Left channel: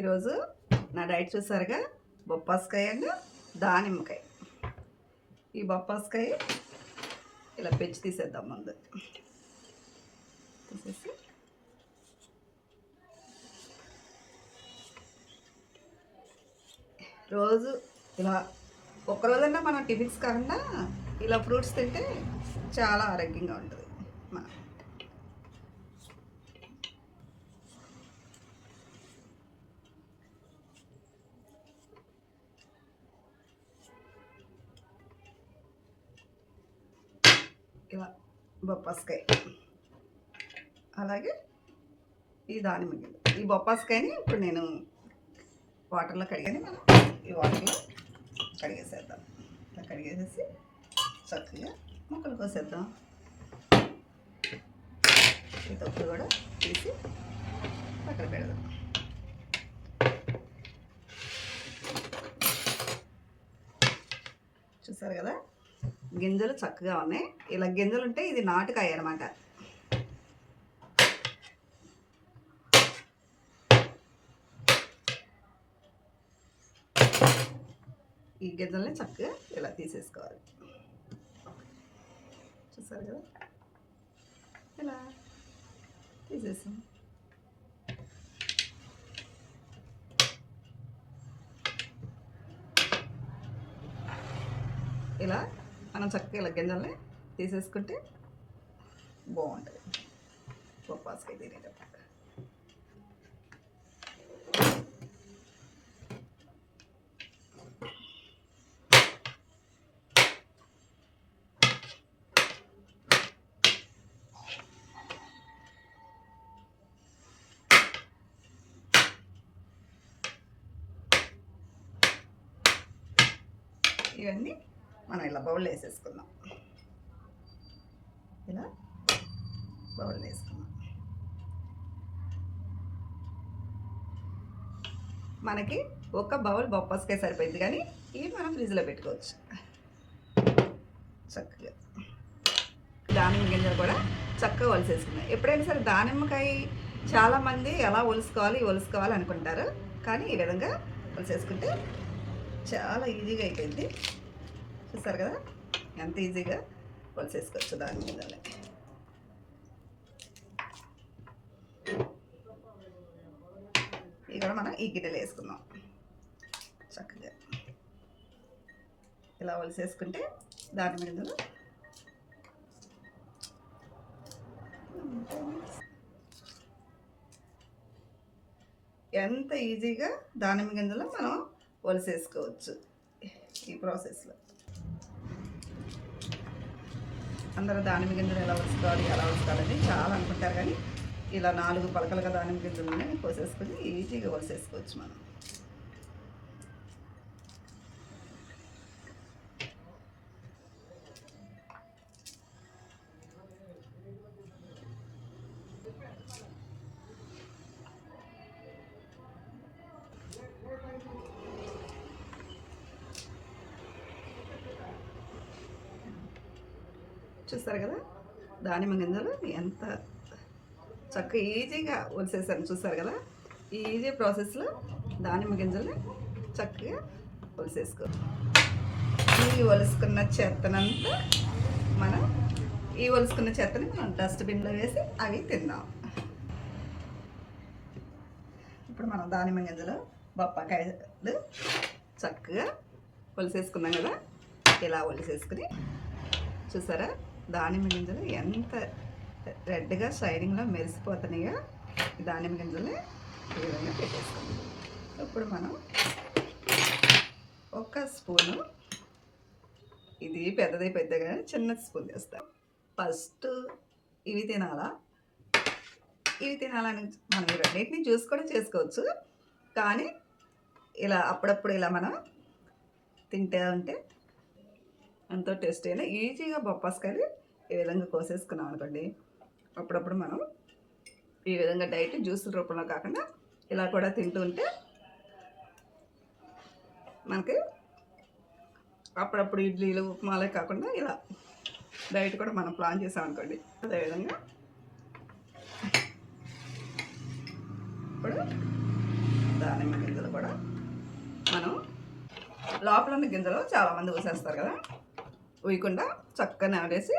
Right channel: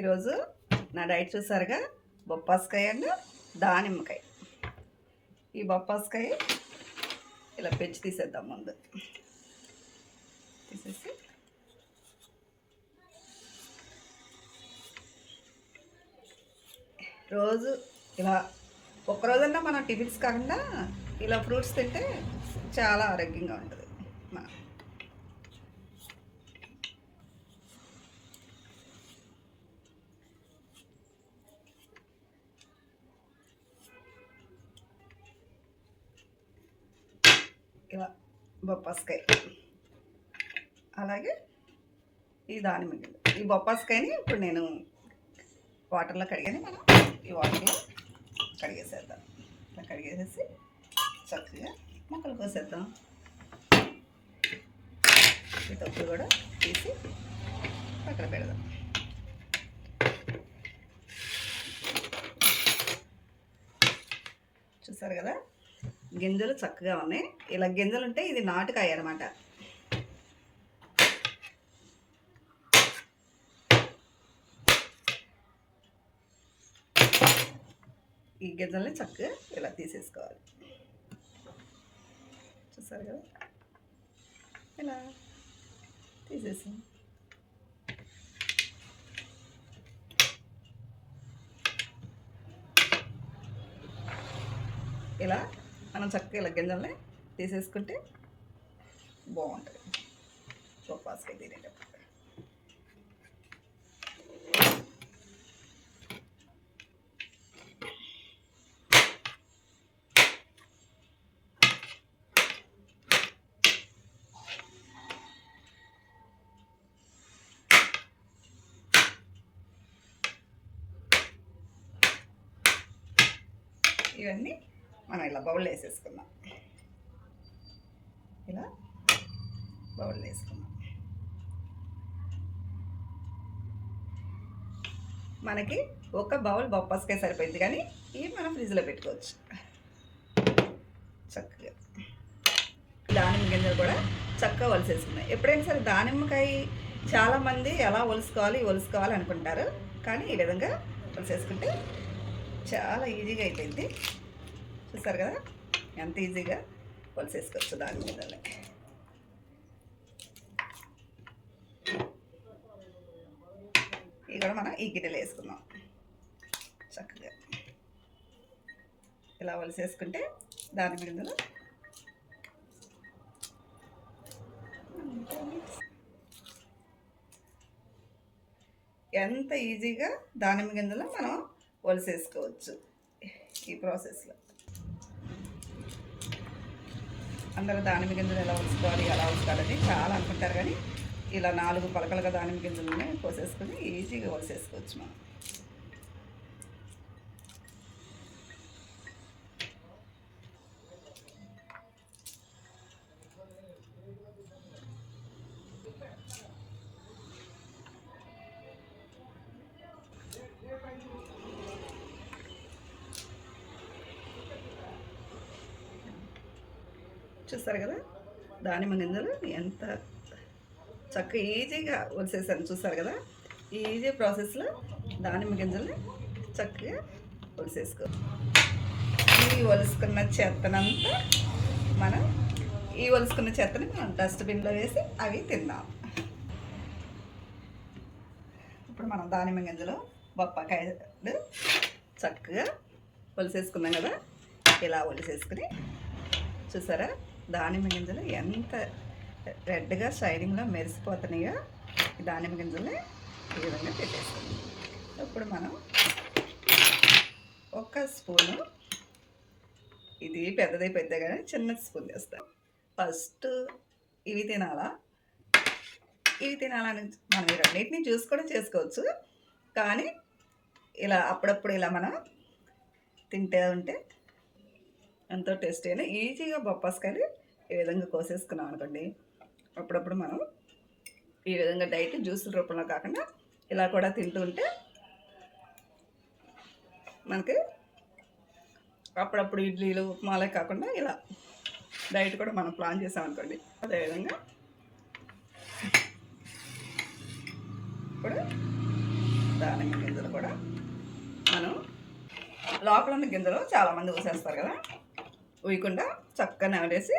ఈరోజు నా డైట్ చూసారుగా? బొప్పాస్కాయ అండ్ దానిమ్మకాయ. ఈ బొప్పాస్కాయ ఇలా పెంచి తీసేద్దాం ముందు. తీసేసి రోజు ఇలా ఒక్కరోజన్నా మనం టిఫిన్స్ కాకుండా ఇలా ఫ్రూట్స్ తింటే చాలా ఆరోగ్యంగా ఉంటుంది. మనం ఇలా బొప్పాస్కాయ. అలాగే ఈ దానిమ్మ గింజ. ఈ బొప్పాస్కాయని ఇప్పుడు నేను వాటర్లో కడిగాని. మనం ఈ వాటర్లో కడిగేసేద్దాం. ఇట్లా కడిగేసేసి చక్కగా ముక్కలు కోసేద్దాం. ఈ తొక్కులు కూడా తీసి పక్కన పెడదాం. చూసారు కదా? గింజలు చక్కగా ఉన్నాయి. ఇలా గింజలు ఉంటే ఇది నాటుకాయ అనమాట ఈ గింజల్ని చక్కగా ఇలా తీసేసుకోవాలి. చూసారు కదా? ఇలా తీసేసాం. ఇలా మనం చక్కగా ఇలా గింజల్ని తీసేసుకుంటే బాగుంటుంది. చోపాస్కి తినేటప్పుడు. ఇవన్నీ మనం ఇలా బౌల్ వేసేసుకుందాం. ఇలా బౌల్ వేసుకుందాం. మనకి ఒక బౌల్ బొప్పస్కాయ సరిపోయింది కానీ ఇవి మనం ఫ్రిడ్జ్లో పెట్టుకోవచ్చు. చక్కగా. దానిమ్మ గింజలు కూడా చక్కగా ఒలిసేసుకున్నాయి. ఎప్పుడైనా సరే దానిమ్మకాయ చాలామంది ఎలా ఒలుసుకోవాలి ఒలుసుకోవాలి అనుకుంటారు. కానీ ఈ విధంగా ఒలిసేసుకుంటే చాలా ఈజీగా అయిపోయింది. చూస్తారు కదా? ఎంత ఈజీగా పొలిసేసుకోవచ్చు దాని మీద ఇక్కడ మనం ఈ గిన్నెలు వేసుకుందాం. చక్కగా. ఇలా ఒలిసేసుకుంటే దాని మీద ఎంత ఈజీగా దానిమ్మ గింజలు మనం ఒలిసేసుకోవచ్చు ఈ ప్రాసెస్లో. అందరూ దానిమ్మ గింజలు ఎలా ఒలుసుకోవాలి ఎలా ఒలుసుకోవాలని చాలా అనుకుంటారు కానీ ఇలా నాలుగు పలకలుగా దానిమ్మ గింజలని కోసేసుకొని ఈజీగా ఒలిసేసుకోవచ్చు మనం. చూస్తారు కదా? దానిమ్మ గింజలు ఎంత చక్కగా ఈజీగా ఒలిసేసాను చూస్తారు కదా? ఈజీ ప్రాసెస్లో దానిమ్మ గింజల్ని చక్కగా ఒలిసేసుకో. ఈ ఒలుసుకున్న చెత్తనంతా మనం ఈ ఒలుసుకున్న చెత్తని మనం డస్ట్బిన్లో వేసి అవి తిందాం. ఇప్పుడు మనం దానిమ్మ గింజలు బొప్పాకాయలు చక్కగా ఒలిసేసుకున్నాం కదా? ఇలా ఒలిసేసుకుని చూసారా? దానిమ్మ గింజలు ఎంత రెడ్గా షైనింగ్లో మెరిసిపోతున్నాయో దానిమ్మ గింజల్ని ఈ విధంగా పెట్టేసుకుందాం ఇప్పుడు మనం ఒక స్పూను ఇది పెద్దది పెద్దగా చిన్న స్పూన్ చేస్తాం ఫస్ట్ ఇవి తినాలా? ఇవి తినాలని మనం ఈ రెండింటిని చూసి కూడా చేసుకోవచ్చు. కానీ ఇలా అప్పుడప్పుడు ఇలా మనం తింటే ఉంటే ఎంతో టేస్టీ అయినా ఈజీగా బొప్పాసకాయలు ఈ విధంగా కోసేసుకున్నాం అనుకోండి. అప్పుడప్పుడు మనం ఈ విధంగా డైట్ జ్యూసుల రూపంలో కాకుండా ఇలా కూడా తింటూ ఉంటే మనకి అప్పుడప్పుడు ఇడ్లీలు ఉప్మాలే కాకుండా ఇలా డైట్ కూడా మనం ప్లాన్ చేసామనుకోండి అదేవిధంగా ఇప్పుడు దానిమ్మ గింజలు కూడా మనం లోపల ఉన్న గింజలు చాలామంది ఊసేస్తారు కదా. ఊయకుండా చక్కగా నవలేసి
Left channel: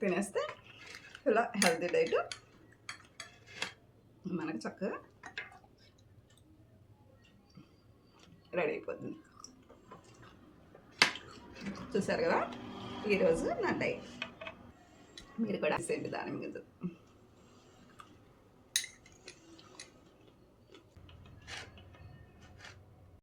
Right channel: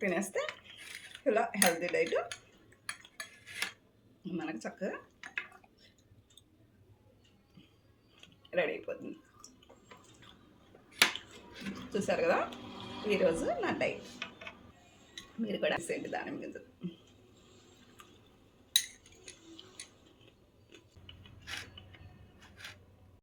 తినేస్తే ఇలా హెల్తీ డైట్ మనకు చక్కగా రెడీ అయిపోతుంది. చూసారు కదా? ఈరోజు నా డైట్. మీరు కూడా చేయండి దాని గింజలు